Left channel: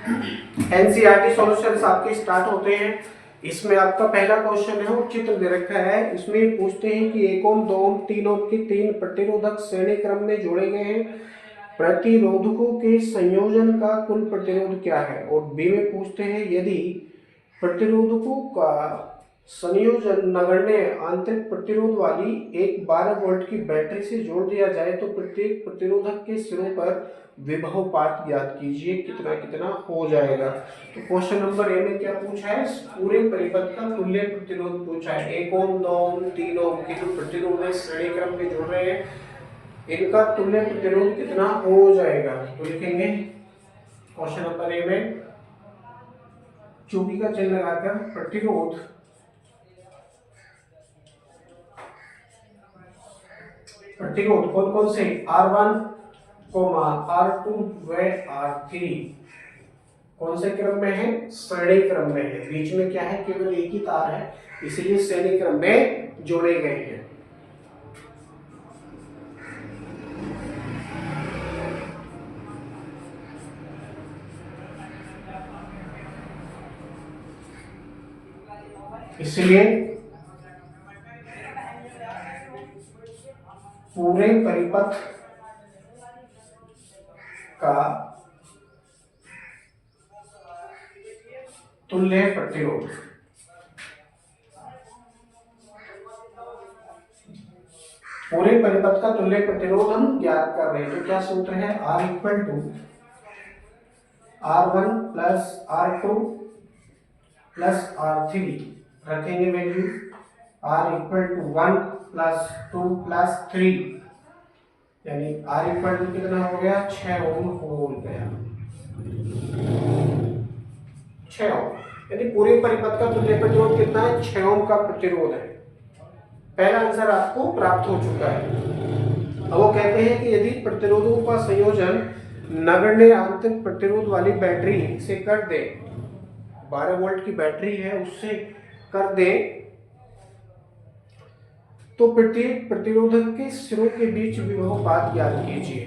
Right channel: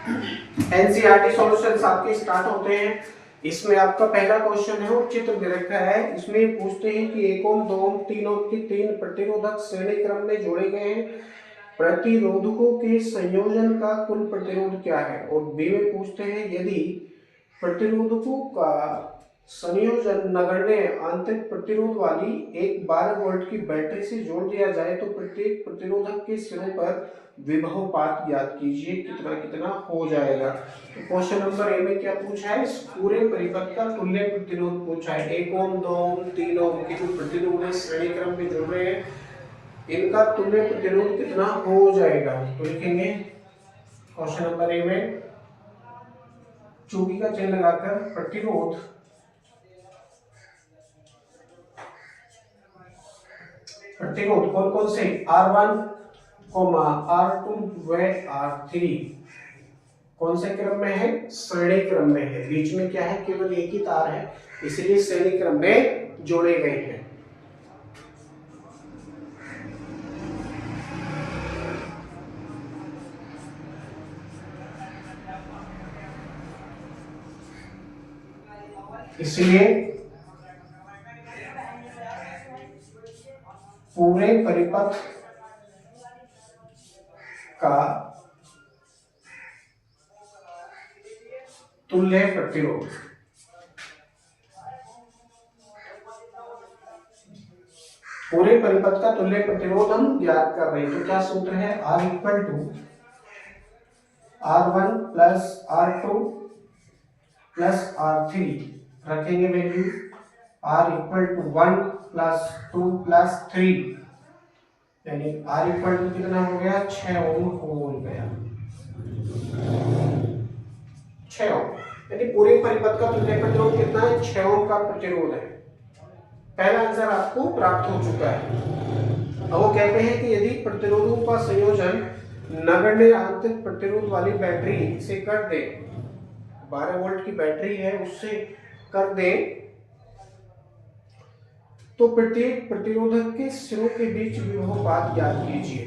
NCERT solutions आपके start होते हैं। इसमें आपका पहला क्वेश्चन है, चित्र दे रखा है, इसमें पूछते हैं कि 1 ओम 2 ओम 3 ओम की 3 प्रतिरोधक श्रेणी क्रम में जोड़े गए हैं, प्रतिरोधकों के संयोजन का कुल प्रतिरोध क्या है। और बी में पूछते हैं यदि प्रतिरोधकों का संयोजन नगण्य आंतरिक प्रतिरोध वाली एक 12 वोल्ट की बैटरी से जोड़ दिया जाए तो प्रत्येक प्रतिरोधक के सिरों पर विभवपात ज्ञात कीजिए, कितना कितना हो जाएगा। तो क्वेश्चन नंबर ए में क्या पूछा है, पूरे परिपथ का तुल्य प्रतिरोध पूछा है। 1 ओम 2 ओम 3 ओम के जो प्रतिरोध है श्रेणी क्रम में जोड़ रहे हैं, इनका तुल्य प्रतिरोध कितना हो जाएगा। तो लिखेंगे क्वेश्चन नंबर ए में चूड़ी का चिन्ह लगाकर प्रतिरोध कौन कौन से R1, R2 व R3 कौन से क्रम में है, श्रेणी क्रम में है। बीच में क्या है, केवल एक ही तार है, इसलिए श्रेणी क्रम में जोड़े गए हैं। इसलिए पूरे परिपथ का तुल्य प्रतिरोध, पूरे परिपथ का तुल्य प्रतिरोध हम ज्ञात कर रहे हैं। तो क्या सूत्र है, R equal to R1 plus R2 plus R3, रखेंगे value R equal to 1 plus 2 plus 3, यानी R इक्वल टू कितना हो गया, 6 ओम हो गया, 6 ओम। यानी पूरे परिपथ का तुल्य प्रतिरोध कितना है, 6 ओम का प्रतिरोध है। पहला आंसर आपको प्राप्त हो चुका है। अब वो कहते हैं कि यदि प्रतिरोधों का संयोजन नगण्य आंतरिक प्रतिरोध वाली बैटरी से कर दे, 12 वोल्ट की बैटरी है उससे कर दे, तो प्रत्येक प्रतिरोधक के सिरों के बीच विभवपात ज्ञात कीजिए।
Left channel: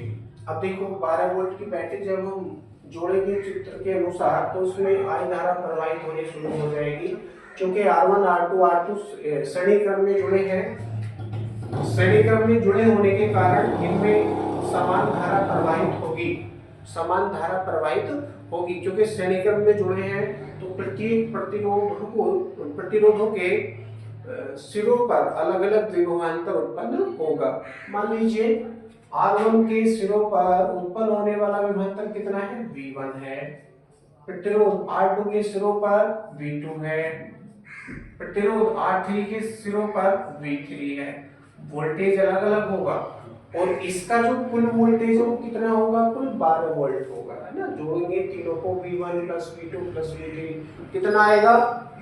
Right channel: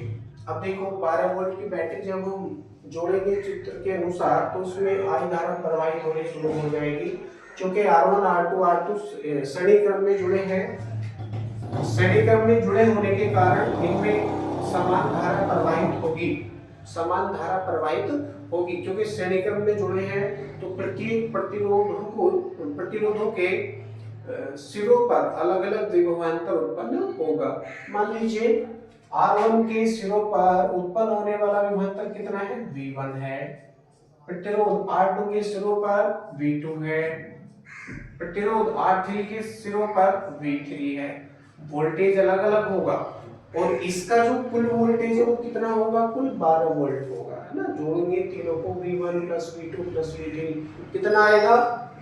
अब देखो 12 वोल्ट की बैटरी जब हम जोड़ेंगे चित्र के अनुसार तो उसमें आई धारा प्रवाहित होनी शुरू हो जाएगी। क्योंकि R1 R2 R2 श्रेणी क्रम में जुड़े हैं, श्रेणी क्रम में जुड़े होने के कारण इनमें समान धारा प्रवाहित होगी, समान धारा प्रवाहित होगी। क्योंकि श्रेणी क्रम में जुड़े हैं तो प्रत्येक प्रतिरोधों के सिरों पर अलग अलग विभवांतर उत्पन्न होगा। मान लीजिए R1 के सिरों पर उत्पन्न होने वाला विभवांतर कितना है, V1 है। प्रतिरोध R2 के सिरों पर V2 है। प्रतिरोध R3 के सिरों पर V3 है। वोल्टेज अलग अलग होगा और इसका जो कुल वोल्टेज है वो कितना होगा, कुल 12 वोल्ट होगा, है ना। जोड़ेंगे तीनों को, V1 plus V2 plus V3, कितना आएगा,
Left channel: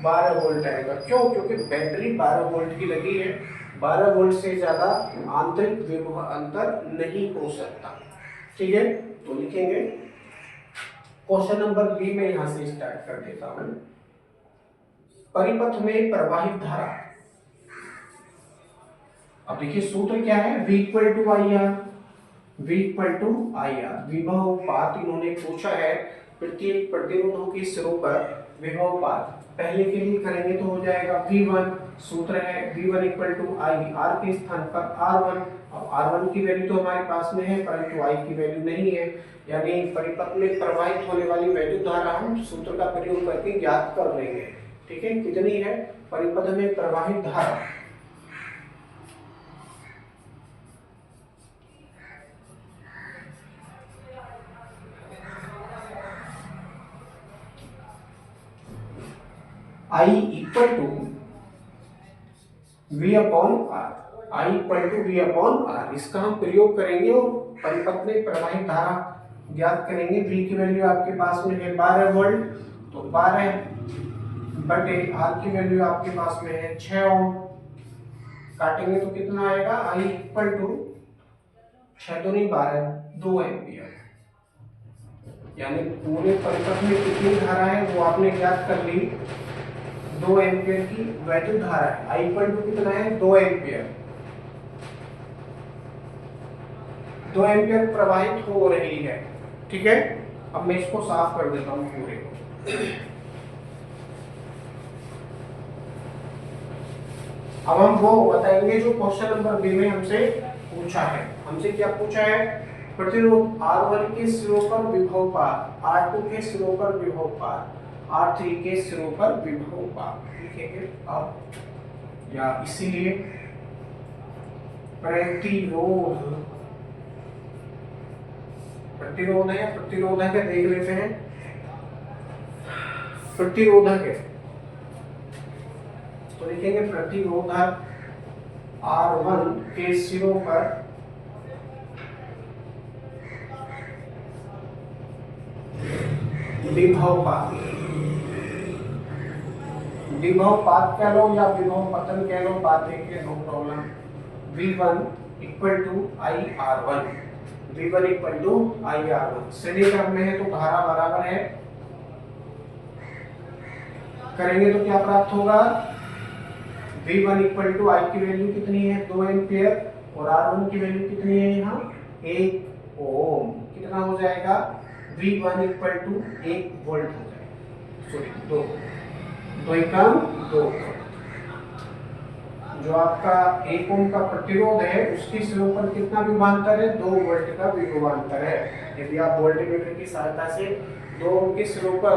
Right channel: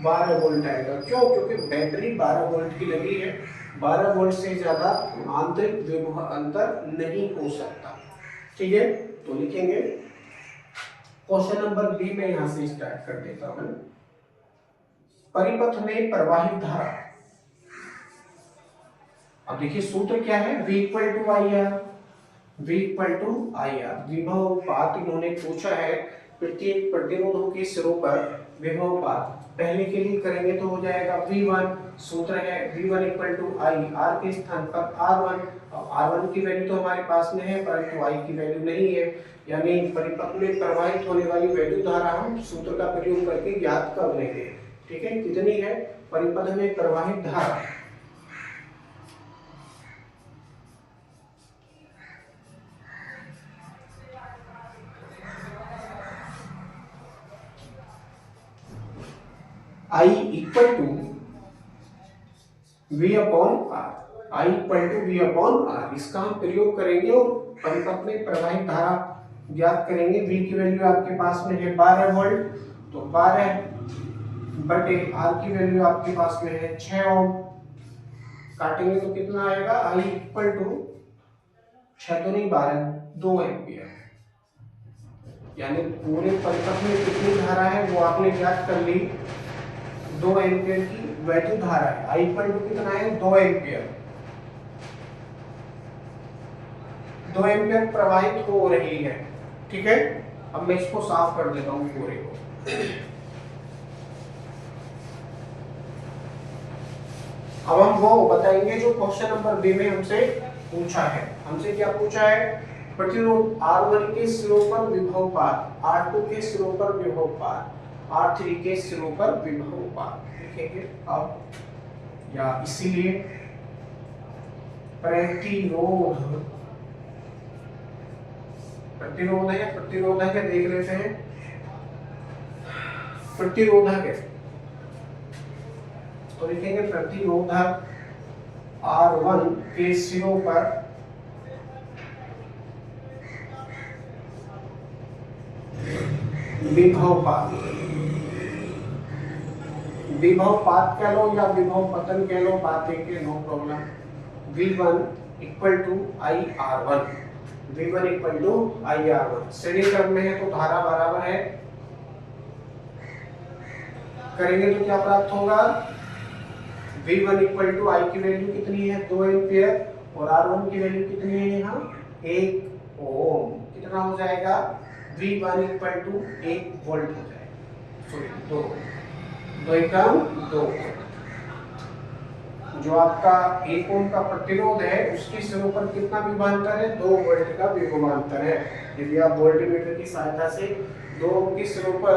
12 वोल्ट आएगा। क्यों, क्योंकि बैटरी 12 वोल्ट की लगी है, 12 वोल्ट से ज्यादा आंतरिक विभवांतर नहीं हो सकता। ठीक है, तो लिखेंगे क्वेश्चन नंबर बी में यहां से स्टार्ट कर देता हूं। परिपथ में प्रवाहित धारा, अब देखिए सूत्र क्या है, V equal to I R, V equal to I R. विभवपात इन्होंने पूछा है, प्रत्येक प्रतिरोधों के सिरों पर विभवपात पहले के लिए करेंगे तो हो जाएगा V1, सूत्र है V1 equal to I, R के स्थान पर R1। अब R1 की वैल्यू तो हमारे पास में है परंतु I की वैल्यू नहीं है, यानी परिपथ में प्रवाहित होने वाली वैद्युत धारा हम सूत्र का प्रयोग करके ज्ञात कर लेंगे। ठीक है, कितनी है, परिपथ में प्रवाहित धारा I equal to V upon R, I equal to V upon R, इसका हम प्रयोग करेंगे और परिपथ में प्रवाहित धारा ज्ञात करेंगे। V की वैल्यू आपके पास में है 12 वोल्ट, तो 12 बटे R की वैल्यू आपके पास में है 6 ओम, काटेंगे तो कितना आएगा, I इक्वल टू 6 दूनी 12, 2 एम्पियर। यानी पूरे परिपथ में कितनी धारा है वो आपने ज्ञात कर ली, 2 एम्पियर की वैद्युत धारा है। I इक्वल टू कितना है, 2 एम्पियर, 2 एम्पियर प्रवाहित हो रही है। ठीक है, अब मैं इसको साफ कर देता हूँ पूरे को। अब हम वो बताएंगे जो क्वेश्चन नंबर बी में हमसे पूछा है। हमसे क्या पूछा है? प्रतिरोध R1 के सिरों पर विभव पात, R2 के सिरों पर विभव पात, R3 के सिरों पर विभव पात लिखेंगे। अब या इसीलिए प्रतिरोध, प्रतिरोध है, प्रतिरोधक है, देख लेते हैं। प्रतिरोधक है तो लिखेंगे प्रतिरोधक R1 के सिरों पर विभव पात, विभव पात कह लो या विभव पतन कह लो, बात एक है, no problem. V1 equal to IR1, V1 equal to IR1। श्रेणी क्रम में है तो धारा बराबर है, करेंगे तो क्या प्राप्त होगा? V1 इक्वल टू I की वैल्यू कितनी है? 2 एम्पियर, और R1 की वैल्यू कितनी है यहाँ? 1 ओम। कितना हो जाएगा? V1 इक्वल टू 1 वोल्ट हो जाएगा, सॉरी 2 एकम 2। जो आपका 1 ओम का प्रतिरोध है उसके सिरों पर कितना विभवांतर है? 2 वोल्ट का विभवांतर है। यदि आप वोल्टमीटर की सहायता से 2 ओम के सिरों पर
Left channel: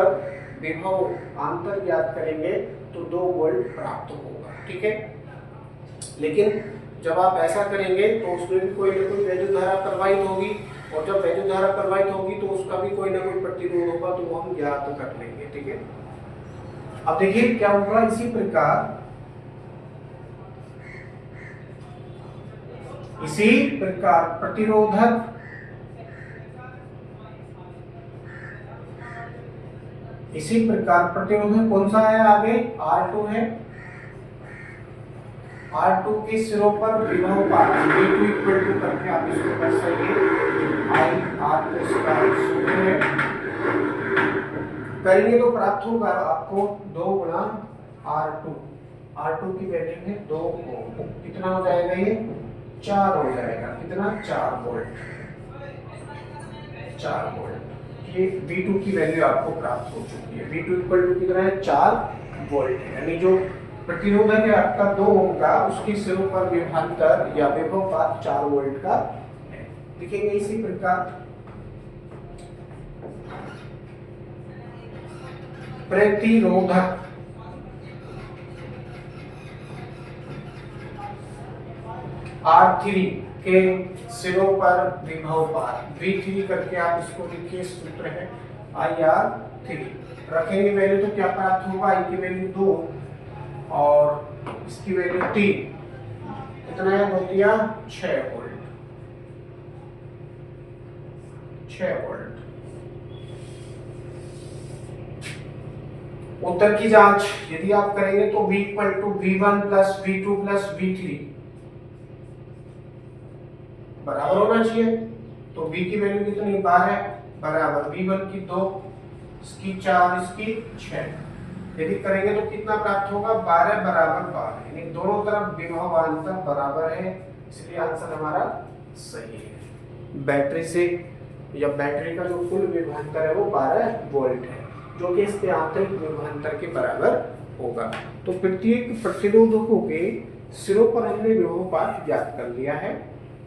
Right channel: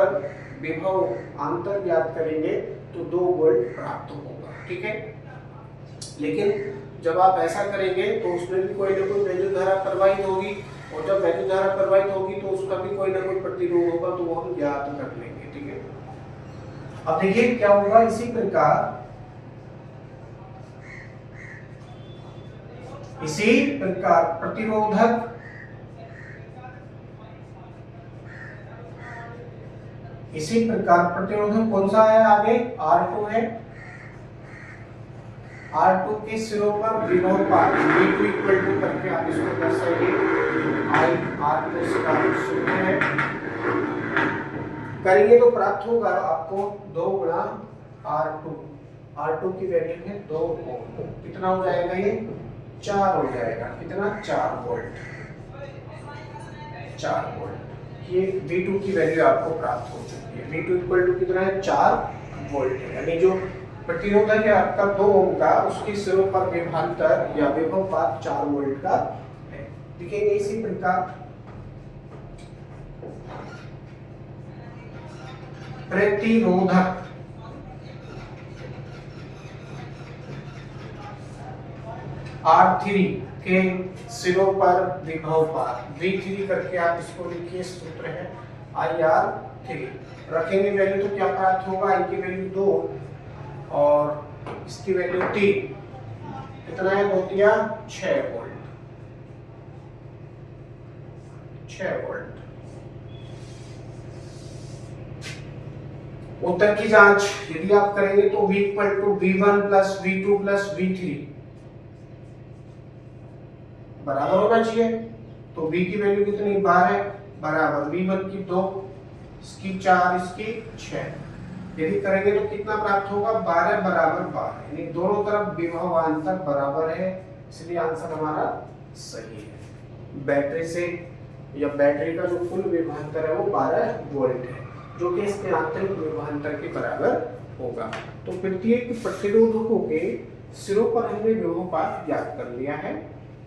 विभव अंतर ज्ञात करेंगे तो 2 वोल्ट प्राप्त होगा, ठीक है। लेकिन जब आप ऐसा करेंगे तो उसमें भी कोई ना कोई वैद्युत धारा प्रवाहित होगी, और जब वैद्युत धारा प्रवाहित होगी तो उसका भी कोई ना कोई प्रतिरोध होगा, तो वो हम ज्ञात कर लेंगे, ठीक है। अब देखिए क्या होगा, इसी प्रकार प्रतिरोधक प्रतिरोधक कौन सा है? आगे R2 है, R2 के सिरों पर विभव पात V2 इक्वल टू करके आप इसको दर्शाइए, IR2 इसका सूत्र है। करेंगे तो प्राप्त होगा आपको 2 गुणा R2 की वैल्यू है 2 ओम। कितना हो जाएगा? ये 4 हो जाएगा। कितना? 4 वोल्ट, 4 वोल्ट। ये V2 की वैल्यू आपको प्राप्त हो चुकी है। V2 इक्वल टू कितना है? 4 वोल्ट है। यानी जो प्रतिरोधक है आपका 2 ओम का, उसके सिरों पर विभवांतर या विभव पात 4 वोल्ट का है। लिखेंगे इसी प्रकार प्रतिरोधक R3 के सिरों पर विभव पात V3 करके आप इसको लिखिए, सूत्र है IR3। रखेंगे वैल्यू तो क्या प्राप्त होगा? I की वैल्यू 2 और इसकी वैल्यू 3। कितना है? 2 दिया 6 वोल्ट, 6 वोल्ट। उत्तर की जांच यदि आप करेंगे तो V equal to V1 plus V2 plus V3 बराबर होना चाहिए। तो V की वैल्यू कितनी? 12 बराबर V1 की 2, इसकी 4, इसकी 6। यदि करेंगे तो कितना प्राप्त होगा? 12 बराबर 12, यानी दोनों तरफ विभवांतर बराबर है, इसलिए आंसर हमारा सही है। बैटरी से या बैटरी का जो कुल विभवांतर है वो 12 वोल्ट है, जो कि इसके आंतरिक विभवांतर के बराबर होगा। तो प्रत्येक प्रतिरोधकों के सिरों पर हमने विभव पात ज्ञात कर लिया है,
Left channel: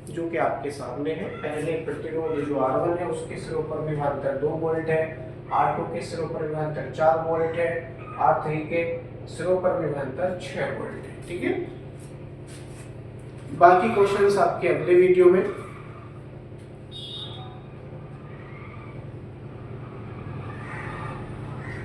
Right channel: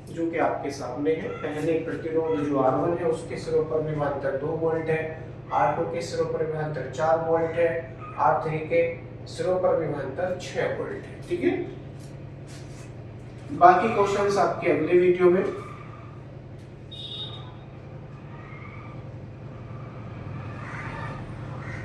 जो कि आपके सामने है। पहले प्रतिरोध जो R1 है उसके सिरों पर विभवांतर 2 वोल्ट है, R2 के सिरों पर विभवांतर 4 वोल्ट है, R3 के सिरों पर विभवांतर 6 वोल्ट है, ठीक है। बाकी क्वेश्चंस आपके अगले वीडियो में